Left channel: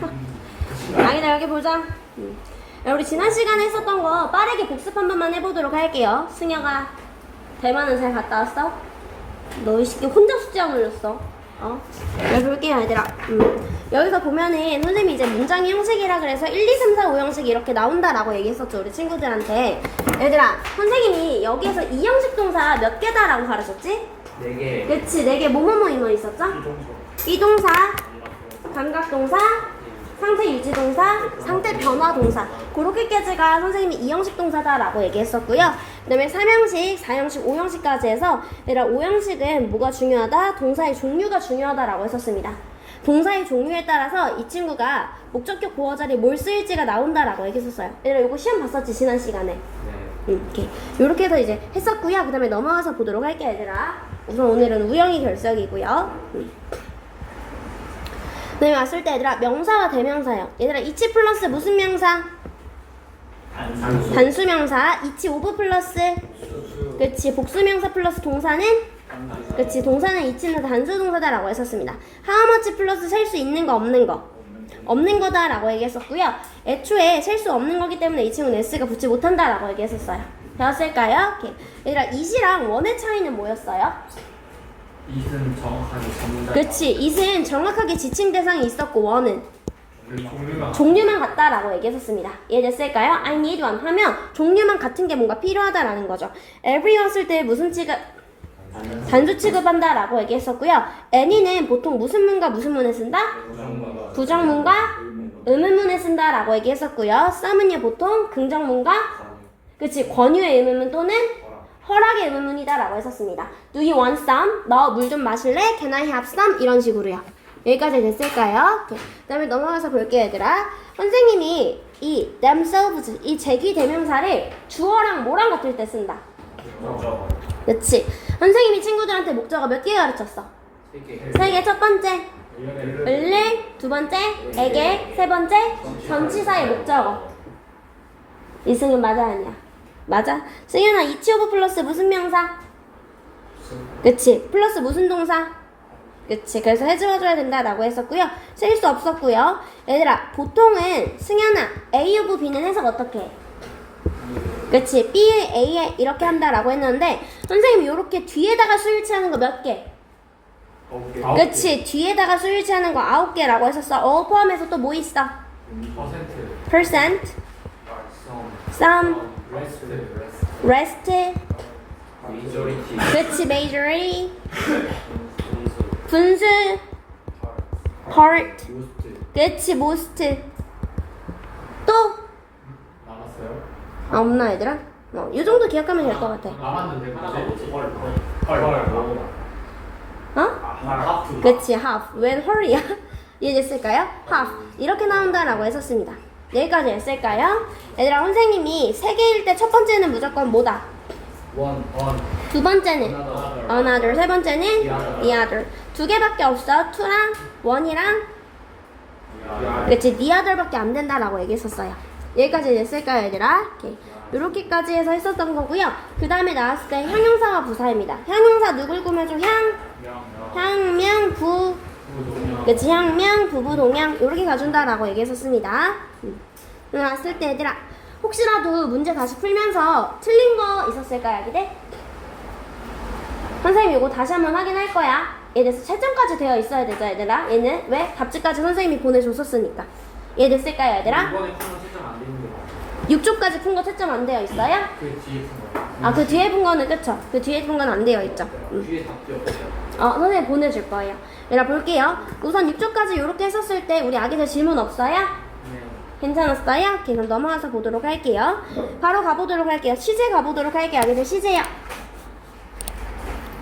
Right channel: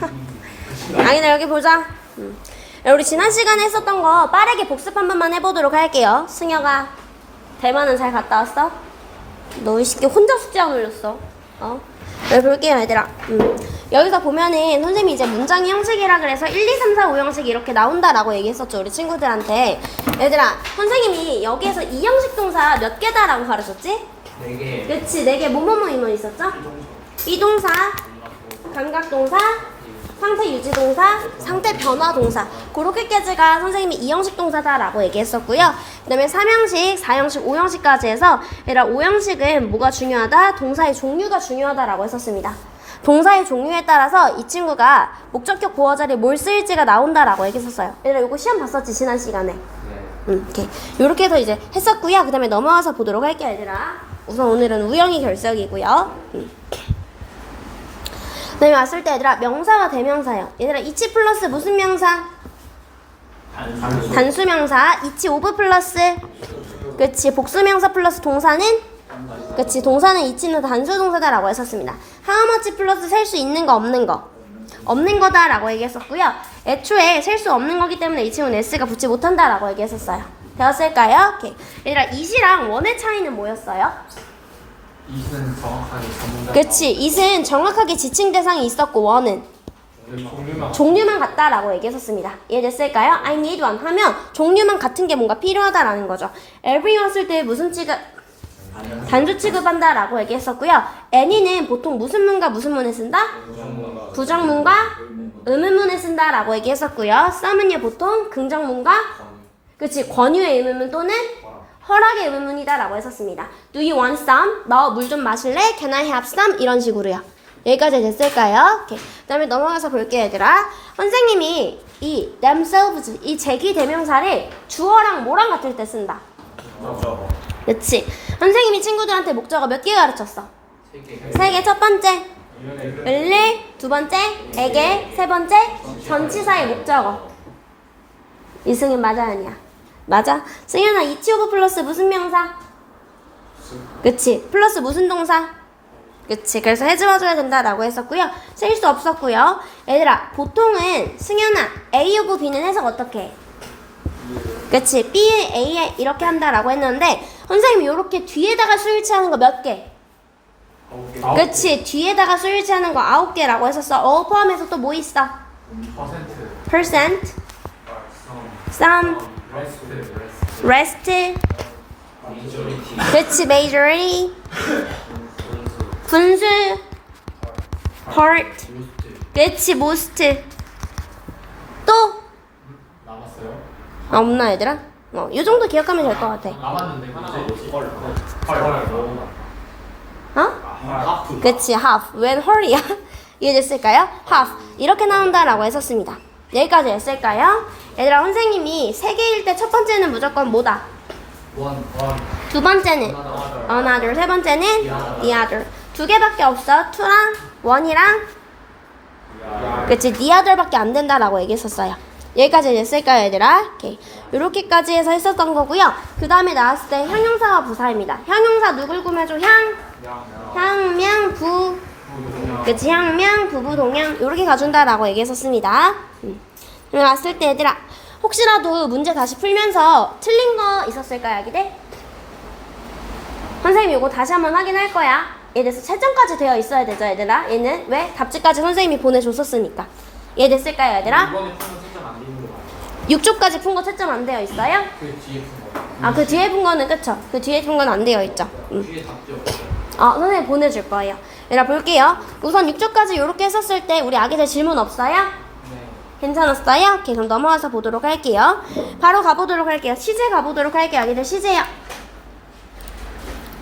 아니다 여기 보자. 음. 야, 우리 지난 시간에 했었던 거 빠르게 복습 한 번만 해보도록 할게요. 승혁아, 대만은 잘 갔다 왔어? 너 이 새끼 혼자 숙제 안 올렸어. 어? 여기 볼게요, 얘들아. 음. 여기서 보면은 선생님이 이제 문장 형식이라 그래서 1, 2, 3, 4, 5 형식이 이렇게 나온다라고 얘기했었죠, 우리 친구들한테. 얘들아, 선생님이 여기에서 이 형식 동사 몇 개다라고 가르쳤지? 네 개 그치, 네 개 뭐뭐뭐 이거 있었죠? 비동사, 감각동사, 상태 유지 동사, 상태 변화 동사. 그렇게까지가 선생님이 이형식 동사다라고 얘기했었고요. 그다음에 3형식, 4형식, 5형식까지 해서 얘라 5형식은 뭐가 중요하다? 동사의 종류가 중요하다라고 했었습니다. 동사의 종류에 따라서 이 친구가 목적격 보어 자리에 뭘 쓰일지가 나온다라고 얘기했었어요. 얘라 이거 시험 봤었지 지난 시간에. 음, 이렇게 이렇게 해서 이제 했었고요. 그다음에 넘어와서 보도록 할게요, 얘들아. 우선 오늘은 우영이 결석이고요. 음. 그다 음에 왔을 때 얘들아 명사와 대명사요. 얘들아 이치 플러스 무슨 명사? 단수 명사. 이치 오브 플러스. 그렇지. 복수 명사 플러스 동사는 그렇지. 동사는 이치는 단수 동사다라고 했었습니다. much 플러스 셀 수 있는 거 없는 거. 없는 거다라고 얘기했었고요. 애초에 셀 수 없는 거기 때문에 이 친구는 s가 붙지 못한다라고 얘기했었어요. 배웠을까요? 오케이. 얘들아 이시랑 원의 차이는 뭐였어요? 이는 정확하게 전문가 그렇지. it은 정확하게 지칭 대상이 있었고 원은 종류만 종류만 같다라고 얘기했었습니다. 이해됐을까요? I need one 하면 종류만 같은 게 뭔가 필요하다라는 거죠. every 왔을 때 무슨 취급 단수 취급한다라고 얘기했었고요. any는 보통 무슨 문과 무슨 문에 쓴다? 부정문과 의문문에 쓴다라고 얘기했었고요. some은요 보통 긍정문과 그치 권유의 의문문 또는 허락의 의문문이다 라고 했었습니다. Do you want some? 너 물 좀 마실래? Can I have some? 이런 식으로요. 여기까지 됐을까요? 오케이. 그 다음에 넘어가서 볼게요, 얘들아. 선생님이 이 themselves 이 제기 대명사를 주어랑 뭐랑 같을 때 쓴다. 목적어 그렇지. 선생님이 친구들한테 목적어 몇 개 가르쳤어? 세 개 세 개. 첫 번째 을래, 두 번째 에게, 세 번째 전치사의 목적어. 이승은 맞아 아니야? 맞아. 승현아 이치 오브 플러스 무슨 명사? 그치. 플러스 무슨 동사? 그치. 그래서 해줘줘야 된다라고 했었고요. 쓸 수 없었고요. 얘들아 보통은 승현아 A 오브 B는 해석 어떻게 해? 그치. B의 A에 이렇게 한다라고 했는데 선생님이 이렇게 뒤에다가 수일치하는 거몇 개? 그치 뒤에다가 수일치하는 거 아홉 개라고 했었어. 어 포함해서 또 뭐 있어? 퍼센트 percent, some, rest, 그치 majority, 분수, part, 그치 most. 또 남았어요? 없나 얘들아? 어, 이 정도 기억하면 될 것 같아. 남았는데 하나가 뭐지? 어? 그치 half. 웬 헐이야? 이해됐을까요? half. 이렇게 나온다라고 했었습니다. 여기까지 했을까요? 얘들아 선생님이 세 개일 때 첫 번째는 무조건 뭐다? 원원 두 번째는 another another, 세 번째는 the other. 두 개밖에 없어. to랑 one이랑 그치 the other밖에 안 된다라고 얘기했었어요. 여기까지 됐을까요, 얘들아? 오케이. 이렇게까지 해서 했었던 거고요. 그 다음에 나왔을 때 형용사와 부사입니다. 형용사 누굴 꾸며줘? 향, 향 명, 부, 그치 향명, 부부, 동양 이렇게 가준다라고 얘기했었습니다. 음. 왔을 때 얘들아 혹시라도 문제 다시 풀면서 틀린 거 있었을까요, 아기들? 선생님 이거 다시 한번 확인할 거야. 얘에서 채점까지 되어 있어야 되죠, 얘들아. 얘는 왜? 답지까지 선생님이 보내줬었으니까. 이해됐을까요, 얘들아? 이번에 푸는 채점 안 되는 거야 6조까지 푼 거 채점 안 되어 있어요? 그 뒤에 푼 거 아, 그 뒤에 푼 거는 그쵸? 그 뒤에 푼건안 되어 있죠. 음. 뒤에 답지 없어요 어, 선생님 보내줄 거예요. 얘들아 볼게요. 우선 6조까지 이렇게 했었을 때 우리 아기들 질문 없어요? 네 괜찮았어요? 오케이, 그럼 넘어가서 보도록 할게요. 바로 가보도록 할게요. 시제 가보도록 할게요. 아기들 시제요.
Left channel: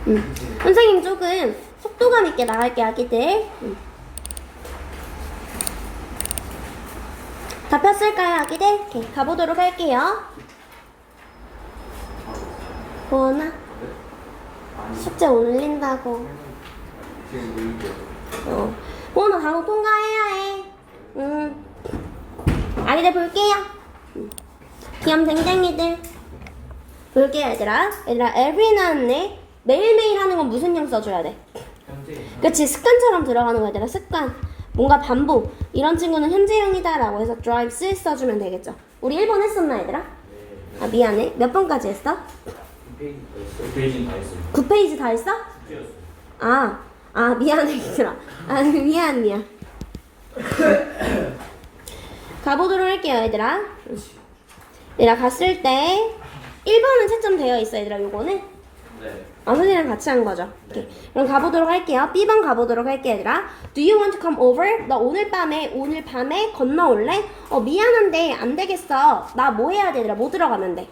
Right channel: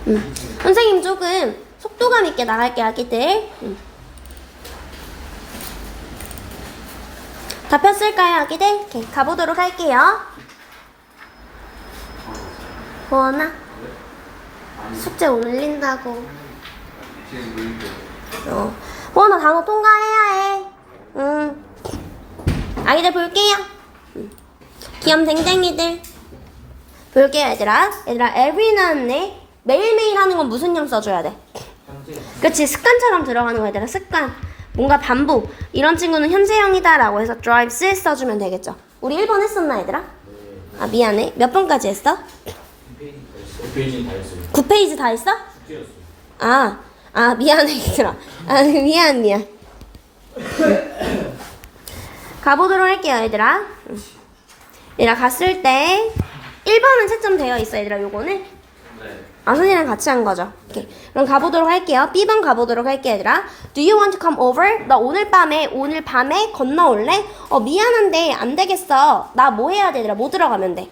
음. 선생님 조금 속도감 있게 나갈게요, 아기들. 음. 답했을까요, 아기들? 오케이, 가보도록 할게요. 뭐하나? 숙제 올린다고. 어. 뭐하나 단어 통과해야 해. 응. 아기들 볼게요. 음. 귀염댕댕이들. 볼게요, 얘들아. 얘들아, every 나왔네. 매일매일 하는 건 무슨 형 써줘야 돼? 그치, 습관처럼 들어가는 거 얘들아, 습관. 뭔가 반복 이런 친구는 현재형이다 라고 해서 drives 써주면 되겠죠. 우리 1번 했었나 얘들아? 아 미안해. 몇 번까지 했어? 이 페이지 다 했어요. 9페이지 다 했어? 아, 아 미안해 얘들아. 아 미안 미안. 가보도록 할게요 얘들아. 얘들아 갔을 때 1번은 채점 되어 있어 얘들아 요거는 네. 아선이랑 같이 한 거죠. 오케이. 그럼 가보도록 할게요. B번 가보도록 할게요, 얘들아. Do you want to come over? 나 오늘 밤에 오늘 밤에 건너올래? 어 미안한데 안 되겠어. 나 뭐 해야 돼, 얘들아? 뭐 들어가면 돼?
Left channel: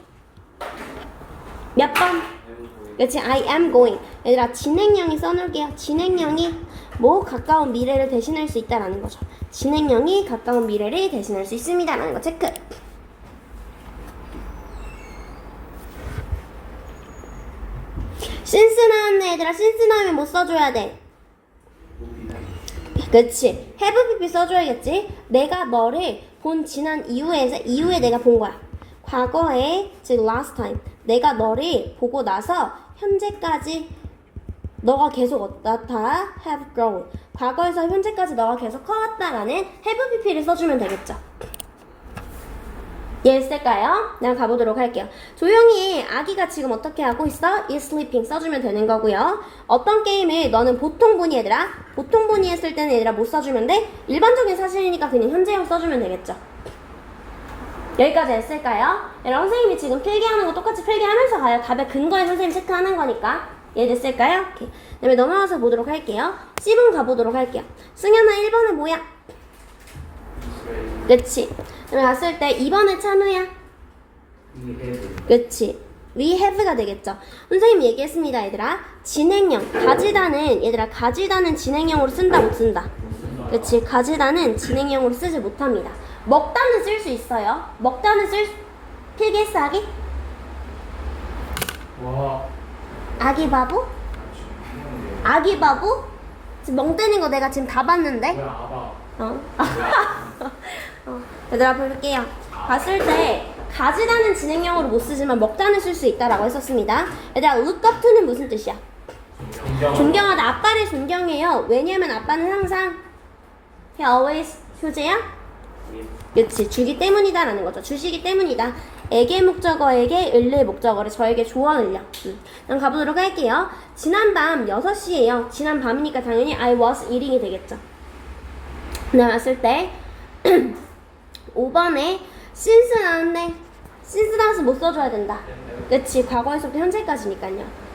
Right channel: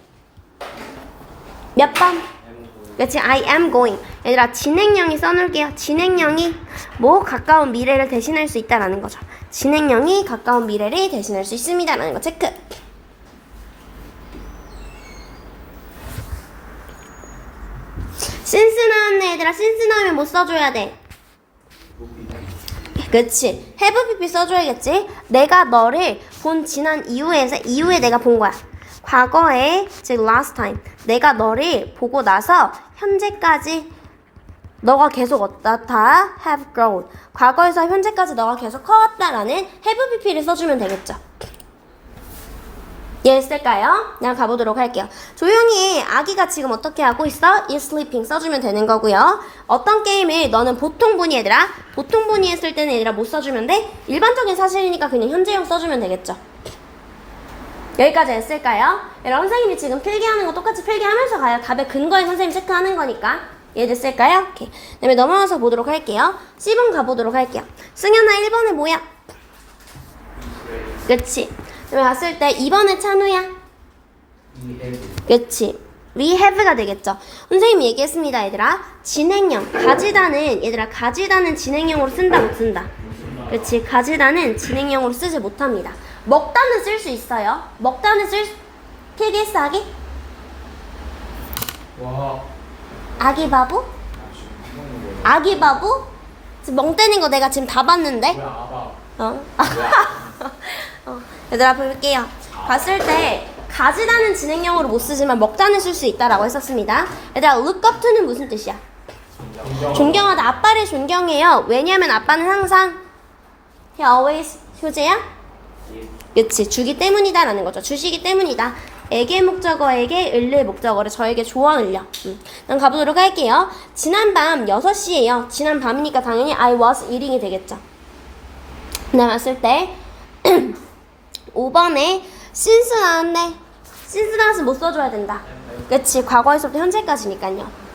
몇 번? 그렇지, I am going. 얘들아 진행형이 써놓을게요. 진행형이 뭐 가까운 미래를 대신할 수 있다라는 거죠. 진행형이 가까운 미래를 대신할 수 있습니다라는 거 체크. 신스 나왔네 얘들아 신스 나오면 뭐 써줘야 돼? 그치 have pp 써줘야겠지 내가 너를 본 지난 이후에서 이후에 내가 본 거야 과거에 즉 last time 내가 너를 보고 나서 현재까지 너가 계속 어떻다 have grown 과거에서 현재까지 너가 계속 커왔다라는 have pp를 써주면 되겠죠 이해했을까요? 그냥 가보도록 할게요. 조용히 해. 아기가 지금 어떻게 하고 있어? is sleeping 써주면 되는 거고요. 어떤 게임을 너는 보통 분이 얘들아 보통 분이 했을 때는 얘들아 못 써주면 돼? 일반적인 사실이니까 그냥 현재형 써주면 되겠죠. 여기까지 했을까요? 여러분 선생님이 지금 필기하는 거 똑같이 필기하면서 가요. 답의 근거에 선생님 체크하는 거니까 이해됐을까요? 오케이. 그다음에 넘어가서 보도록 할게요. C번 가보도록 할게요. 승현아 1번에 뭐야? 그치. 그다음에 갔을 때 2번에 찬우야. 그치. we have가 되겠죠. 선생님이 얘기했습니다, 얘들아. 진행형, 가지다는, 얘들아, 가지다는 진행형으로 쓴다, 못 쓴다? 그치. 가지다는 진행형으로 쓰지 못합니다. 먹다는 쓸 수 있어요. 먹다는 쓸, 수- 필기했어, 아기? 와. 아기 바보? 아기 바보? 지금 멍 때린 거 내가 지금 다 봤는데? 뭐야 아바. 어? 어, 얘들아 볼게요. 봤을 때 가지다는 진행형으로 못 쓰지만 먹다는 쓸 수 있다라고 했었습니다. 얘들아 look up to는 무슨 뜻이야? 존경. 존경하다. 아빠를 존경해요. 왜냐면 아빠는 항상 he always 효제야? 그치 주기 때문이다라는 거죠. 주시기 때문이다. 에게 목적어에게 을의 목적어를 저에게 조언을요. 음. 난 가보도록 할게요. 지난 밤 6시에요. 지난 밤이니까 당연히 I was eating이 되겠죠. 네, 봤을 때 5번에 since 나왔네. since 나와서 못 써줘야 된다. 그치 과거에서부터 현재까지니까요.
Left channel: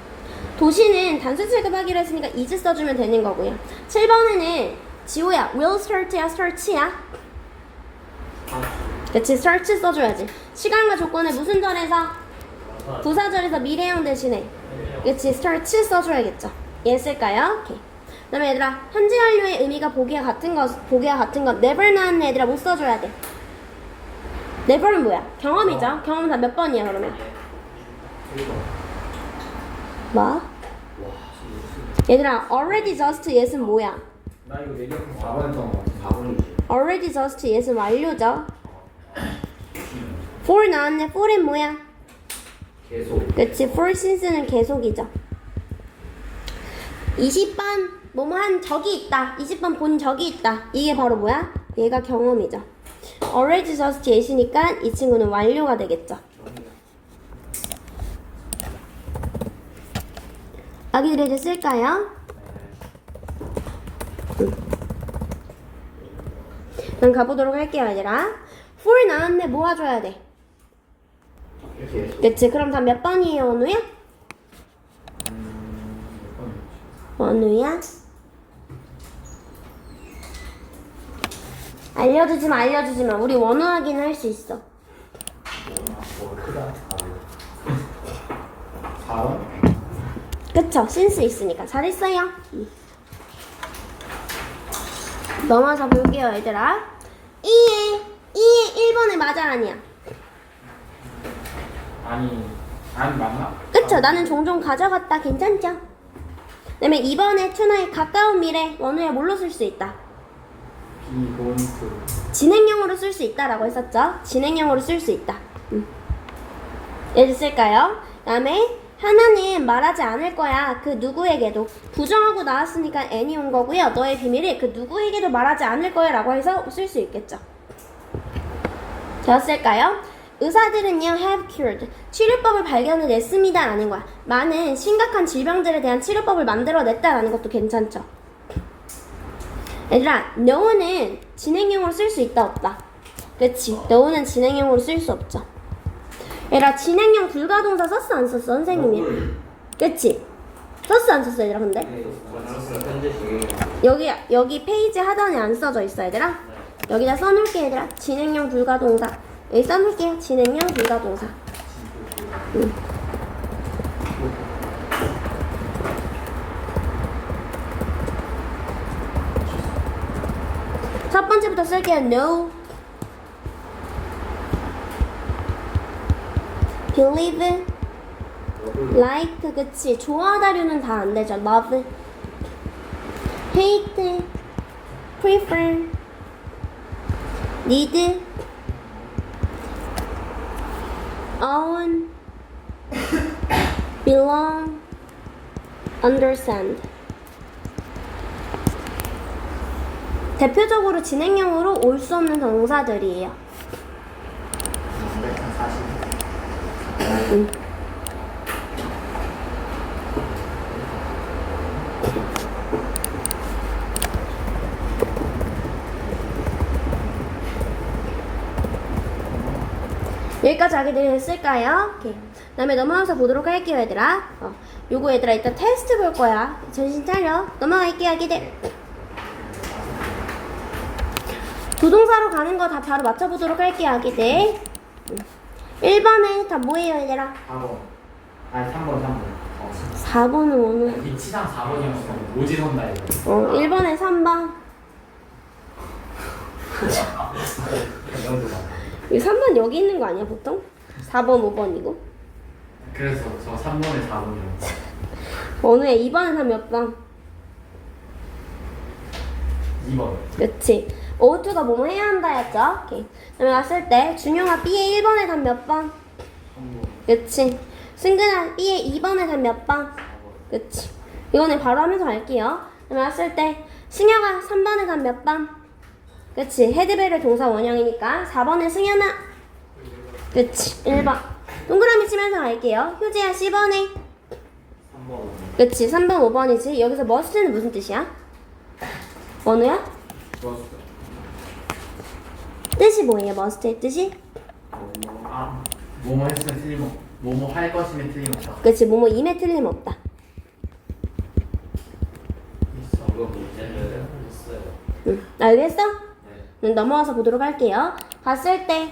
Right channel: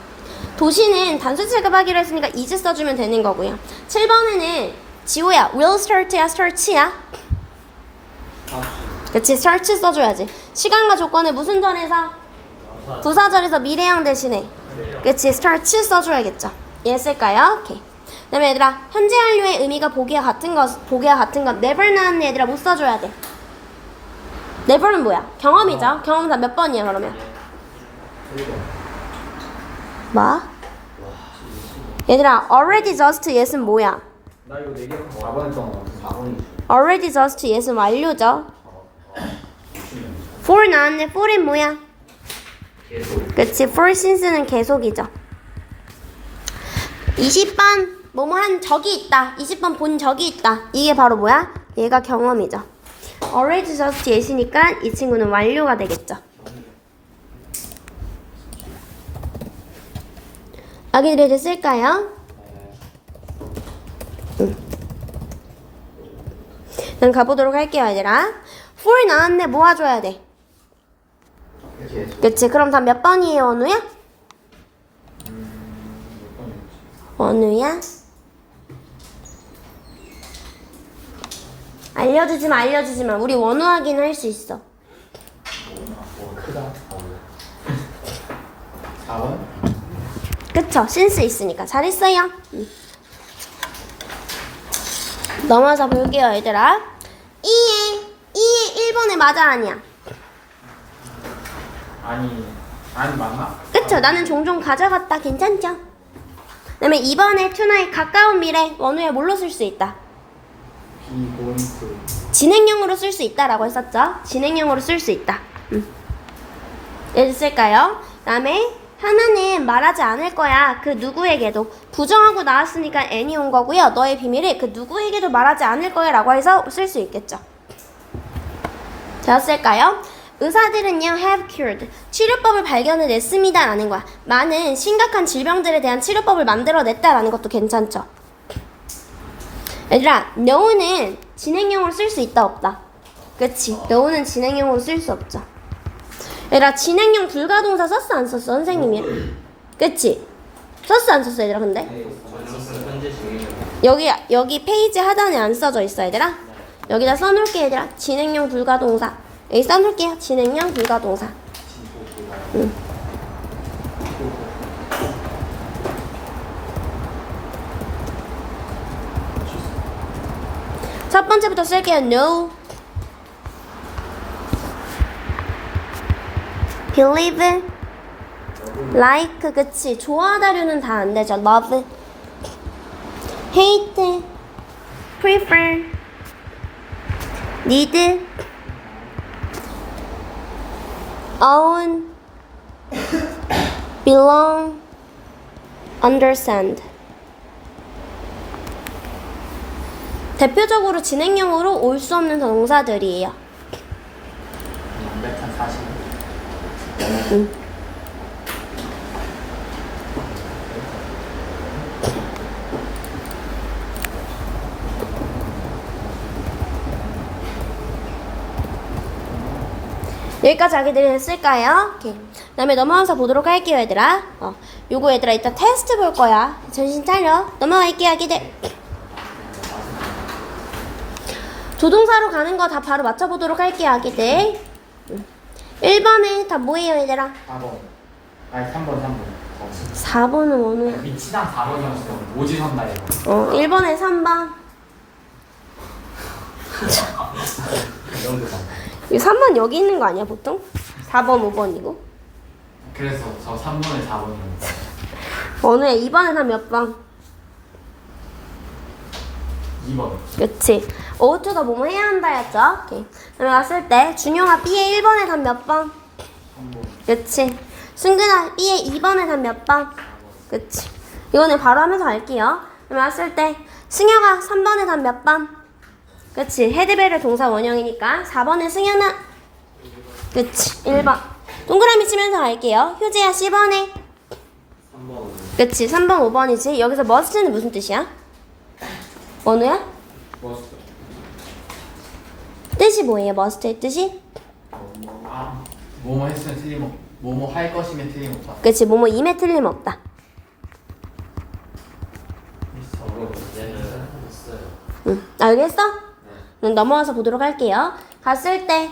도시는 단수 취급하기로 했으니까 is 써주면 되는 거고요. 7번에는 지호야 will start야 start야? 아. 그치 start 써줘야지. 시간과 조건을 무슨 절에서? 부사절에서 미래형 대신에 그치 start 써줘야겠죠. 이해했을까요? 오케이. 그 다음에 얘들아 현재 완료의 의미가 보기와 같은 것 보기와 같은 것 never 나왔네 얘들아 못 써줘야 돼. never는 뭐야? 경험이죠. 경험 다몇 번이야 그러면? 뭐? 얘들아 already just yes는 뭐야? 나 이거 네 내기한 거 4번 했던 거 4번이지. already just yes는 완료죠. For 나왔네 for은 뭐야? 계속. 그치 for since는 계속이죠 20번 뭐뭐 한 적이 있다 20번 본 적이 있다 이게 바로 뭐야? 얘가 경험이죠 already just yes니까 이 친구는 완료가 되겠죠 아기들 됐을까요? 그럼 가보도록 할게요 얘들아 for 나왔네 모아줘야 돼. 그치 그럼 다 몇 번이에요 원우야? 원우야? 알려주지마 알려주지마 우리 원우 확인을 할 수 있어 어 크다. 4번? 그쵸 센스 있으니까 잘했어요 응. 넘어서 볼게요 얘들아 2에 2에 1번에 맞아 아니야 아니 아니 맞나? 그쵸 나는 종종 가져갔다 괜찮죠? 그 다음에 2번에 투나의 가까운 미래 원우에 뭘로 쓸 수 있다 비본트. 진행형으로 쓸 수 있다라고 했었죠. 진행형으로 쓸 수 있다. 음. 예를 쓸까요? 다음에 하나는 말하지 않을 거야. 그 누구에게도. 부정하고 나왔으니까 n이 온 거고요. 너의 비밀을 그 누구에게도 말하지 않을 거야 라고 해서 쓸 수 있겠죠. 되었을까요? 의사들은요 have cured 치료법을 발견해냈습니다 라는 거야. 많은 심각한 질병들에 대한 치료법을 만들어냈다라는 것도 괜찮죠. 얘들아 know는 진행형으로 쓸 수 있다 없다? 그치? know는 진행형으로 쓸 수 없죠. 얘들아 진행형 불가동사 썼어 안 썼어 선생님이? 그치? 썼어 안 썼어 얘들아 근데? 여기 여기 페이지 하단에 안 써져 있어 얘들아? 여기다 써놓을게 얘들아. 진행형 불가동사 여기 써놓을게요 진행형 불가 동사. 응. 첫 번째부터 쓸게요 no. Believe like 그치. 좋아하다류는 다 안 되죠 love. hate prefer need own belong understand 대표적으로 진행형으로 올 수 없는 동사들이에요. 완벽한 사실. 응. 여기까지 아기들이 했을까요? 오케이. 그 다음에 넘어가서 보도록 할게요, 얘들아. 어, 요거 얘들아 이따 테스트 볼 거야. 정신 차려. 넘어갈게요, 아기들. 조동사로 가는 거 다 바로 맞춰보도록 할게요, 아기들. 음. 1번에 다 뭐예요, 얘들아? 4번. 아니 3번 3번. 어. 4번은 어느? 위치상 4번이었어. 오지 선다 이거. 어, 1번에 3번. 이 3번 여기 있는 거 아니야, 보통? 4번, 5번이고. 그래서 저 3번에 4번이었어. 어느 애 2번에 다몇 번? 2번. 그렇지. O2가 뭐뭐 해야 한다였죠? 오케이. 들어갔을 때 준영아 B의 1번에 단몇 번? 3번. 그렇지. 승근아 B의 2번에 단몇 번? 그렇지. 이거는 바로 하면서 할게요. 들어갔을 때 승혁아 3번에 단몇 번? 그렇지. 헤드벨의 동사 원형이니까 4번에 승현아. 그렇지. 1번. 동그라미 치면서 갈게요. 효지야 10번에. 3번 그렇지. 3번 5번이지. 여기서 must는 무슨 뜻이야? 어느야? 좋았어. 뜻이 뭐예요? must의 뜻이? 아, 뭐뭐 했으면 틀림 뭐뭐 할 것이면 틀림없다. 그치 뭐뭐 임에 틀림없다 응 알겠어? 네 그럼 넘어와서 보도록 할게요. 갔을 때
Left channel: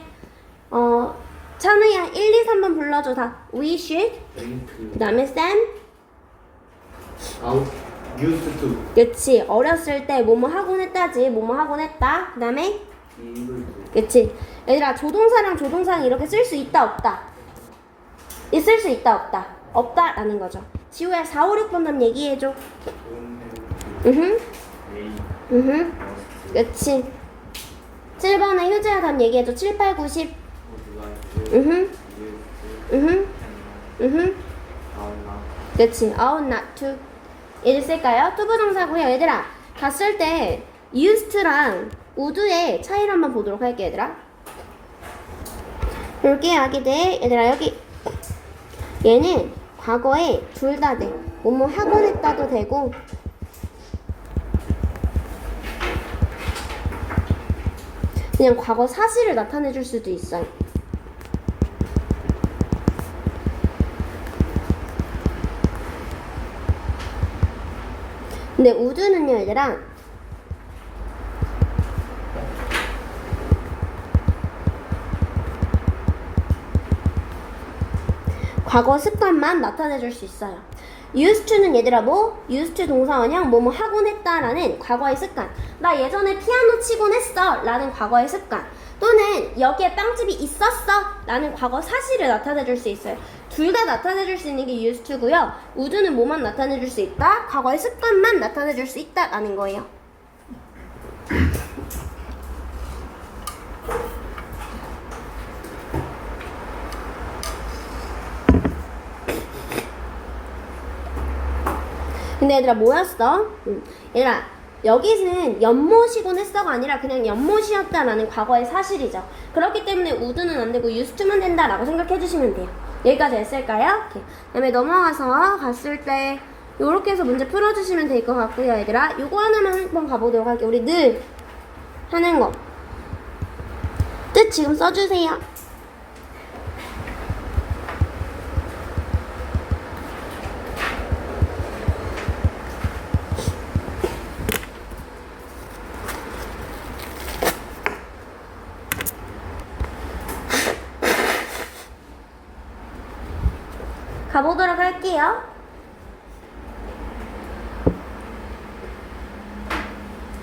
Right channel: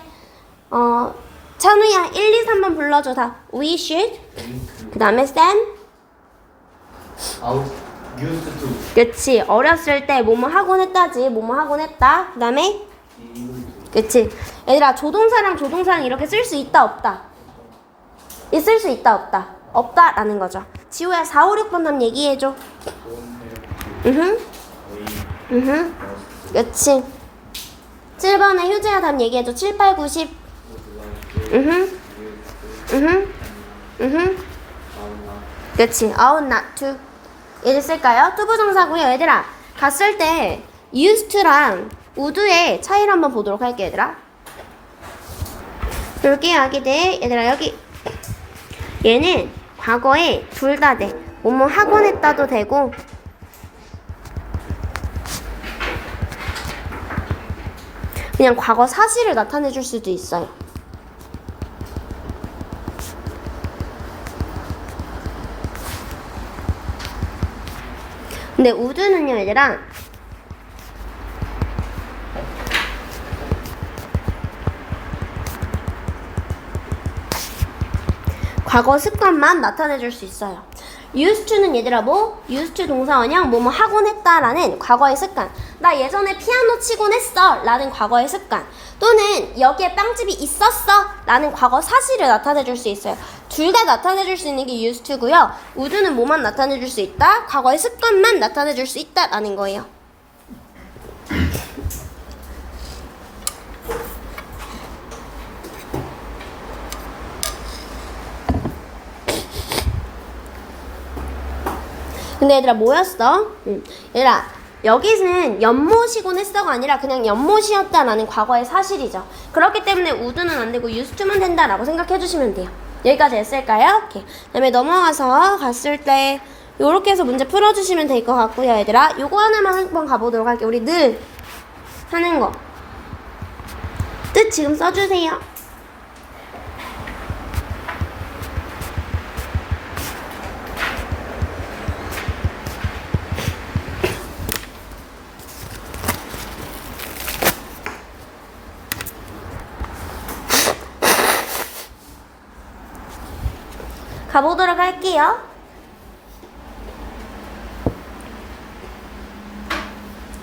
어, 찬우야 1, 2, 3번 불러줘 다. We should. 링크 그 다음에 Sam. 아웃 used to. 그치 어렸을 때 뭐뭐 하곤 했다지 뭐뭐 하곤 했다. 그 다음에 그치. 얘들아 조동사랑 조동사랑 이렇게 쓸 수 있다 없다? 있을 수 있다 없다? 없다 라는 거죠. 지우야 4, 5, 6번 답 얘기해줘. 으흠. Must 그치 7번에 효재야 답 얘기해줘 7, 8, 9, 10 would like to 으흠. 으흠. 그치. out not 얘들 쓸까요? 투부정사고요 얘들아. 갔을 때 used to랑 would의 차이를 한번 보도록 할게요 얘들아. 볼게요 아기들. 얘들아 여기. 얘는 과거에 둘 다 돼. 뭐뭐 하곤 했다도 되고 그냥 과거 사실을 나타내 줄 수도 있어요. 근데 우드는요 얘들아 과거 습관만 나타내 줄 수 있어요. Used to는 얘들아 뭐? used to 동사 원형 뭐뭐 하곤 했다라는 과거의 습관. 나 예전에 피아노 치곤 했어 라는 과거의 습관. 또는 여기에 빵집이 있었어 라는 과거 사실을 나타내 줄 수 있어요. 둘 다 나타내 줄 수 있는 게 used to고요. would는 뭐만 나타내 줄 수 있다? 과거의 습관만 나타내 줄 수 있다 라는 거예요. 근데 얘들아 뭐였어? 응. 얘들아 여기는 연못이곤 했어가 아니라 그냥 연못이었다라는 과거의 사실이죠. 그렇기 때문에 우드는 안 되고 유스투만 된다라고 생각해 주시면 돼요. 여기까지 했을까요? 오케이. 그다음에 넘어가서 갔을 때 요렇게 해서 문제 풀어주시면 될 것 같고요, 얘들아. 요거 하나만 한번 가보도록 할게요. 우리 늘 하는 거. 뜻 지금 써주세요.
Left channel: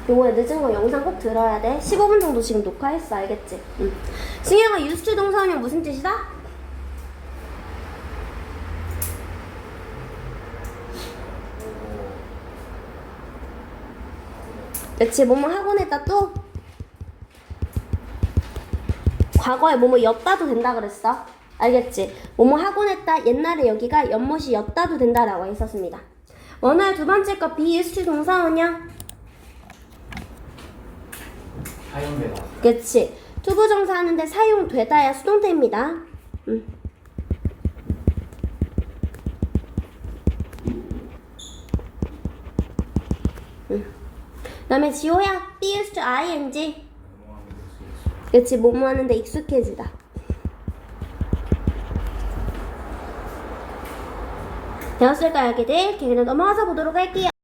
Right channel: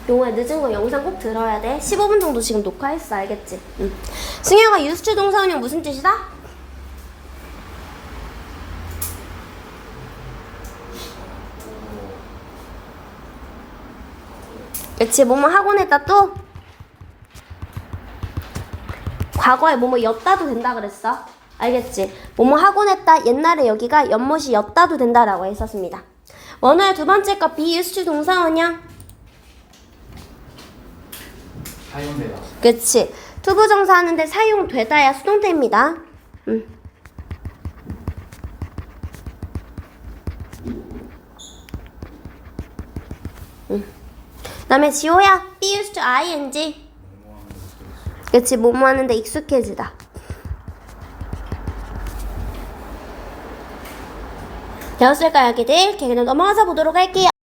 용호야 늦은 거 영상 꼭 들어야 돼. 15분 정도 지금 녹화했어, 알겠지? 응. 승혁아 유수체 동사원형 무슨 뜻이다? 그치, 뭐뭐 했다 또? 과거에 뭐뭐 였다도 된다 그랬어. 알겠지? 뭐뭐 하곤 했다. 옛날에 여기가 연못이 였다도 된다라고 했었습니다. 원호야 두 번째 거 비유수체 동사원형. 사용되다. 그치. 투부정사 하는데 사용되다야 수동태입니다. 음. 음. 그다음에 지호야, be used to ing. 그치, 뭐뭐 하는데 익숙해지다. 여기들? 이렇게 그냥 넘어가서 보도록 할게요.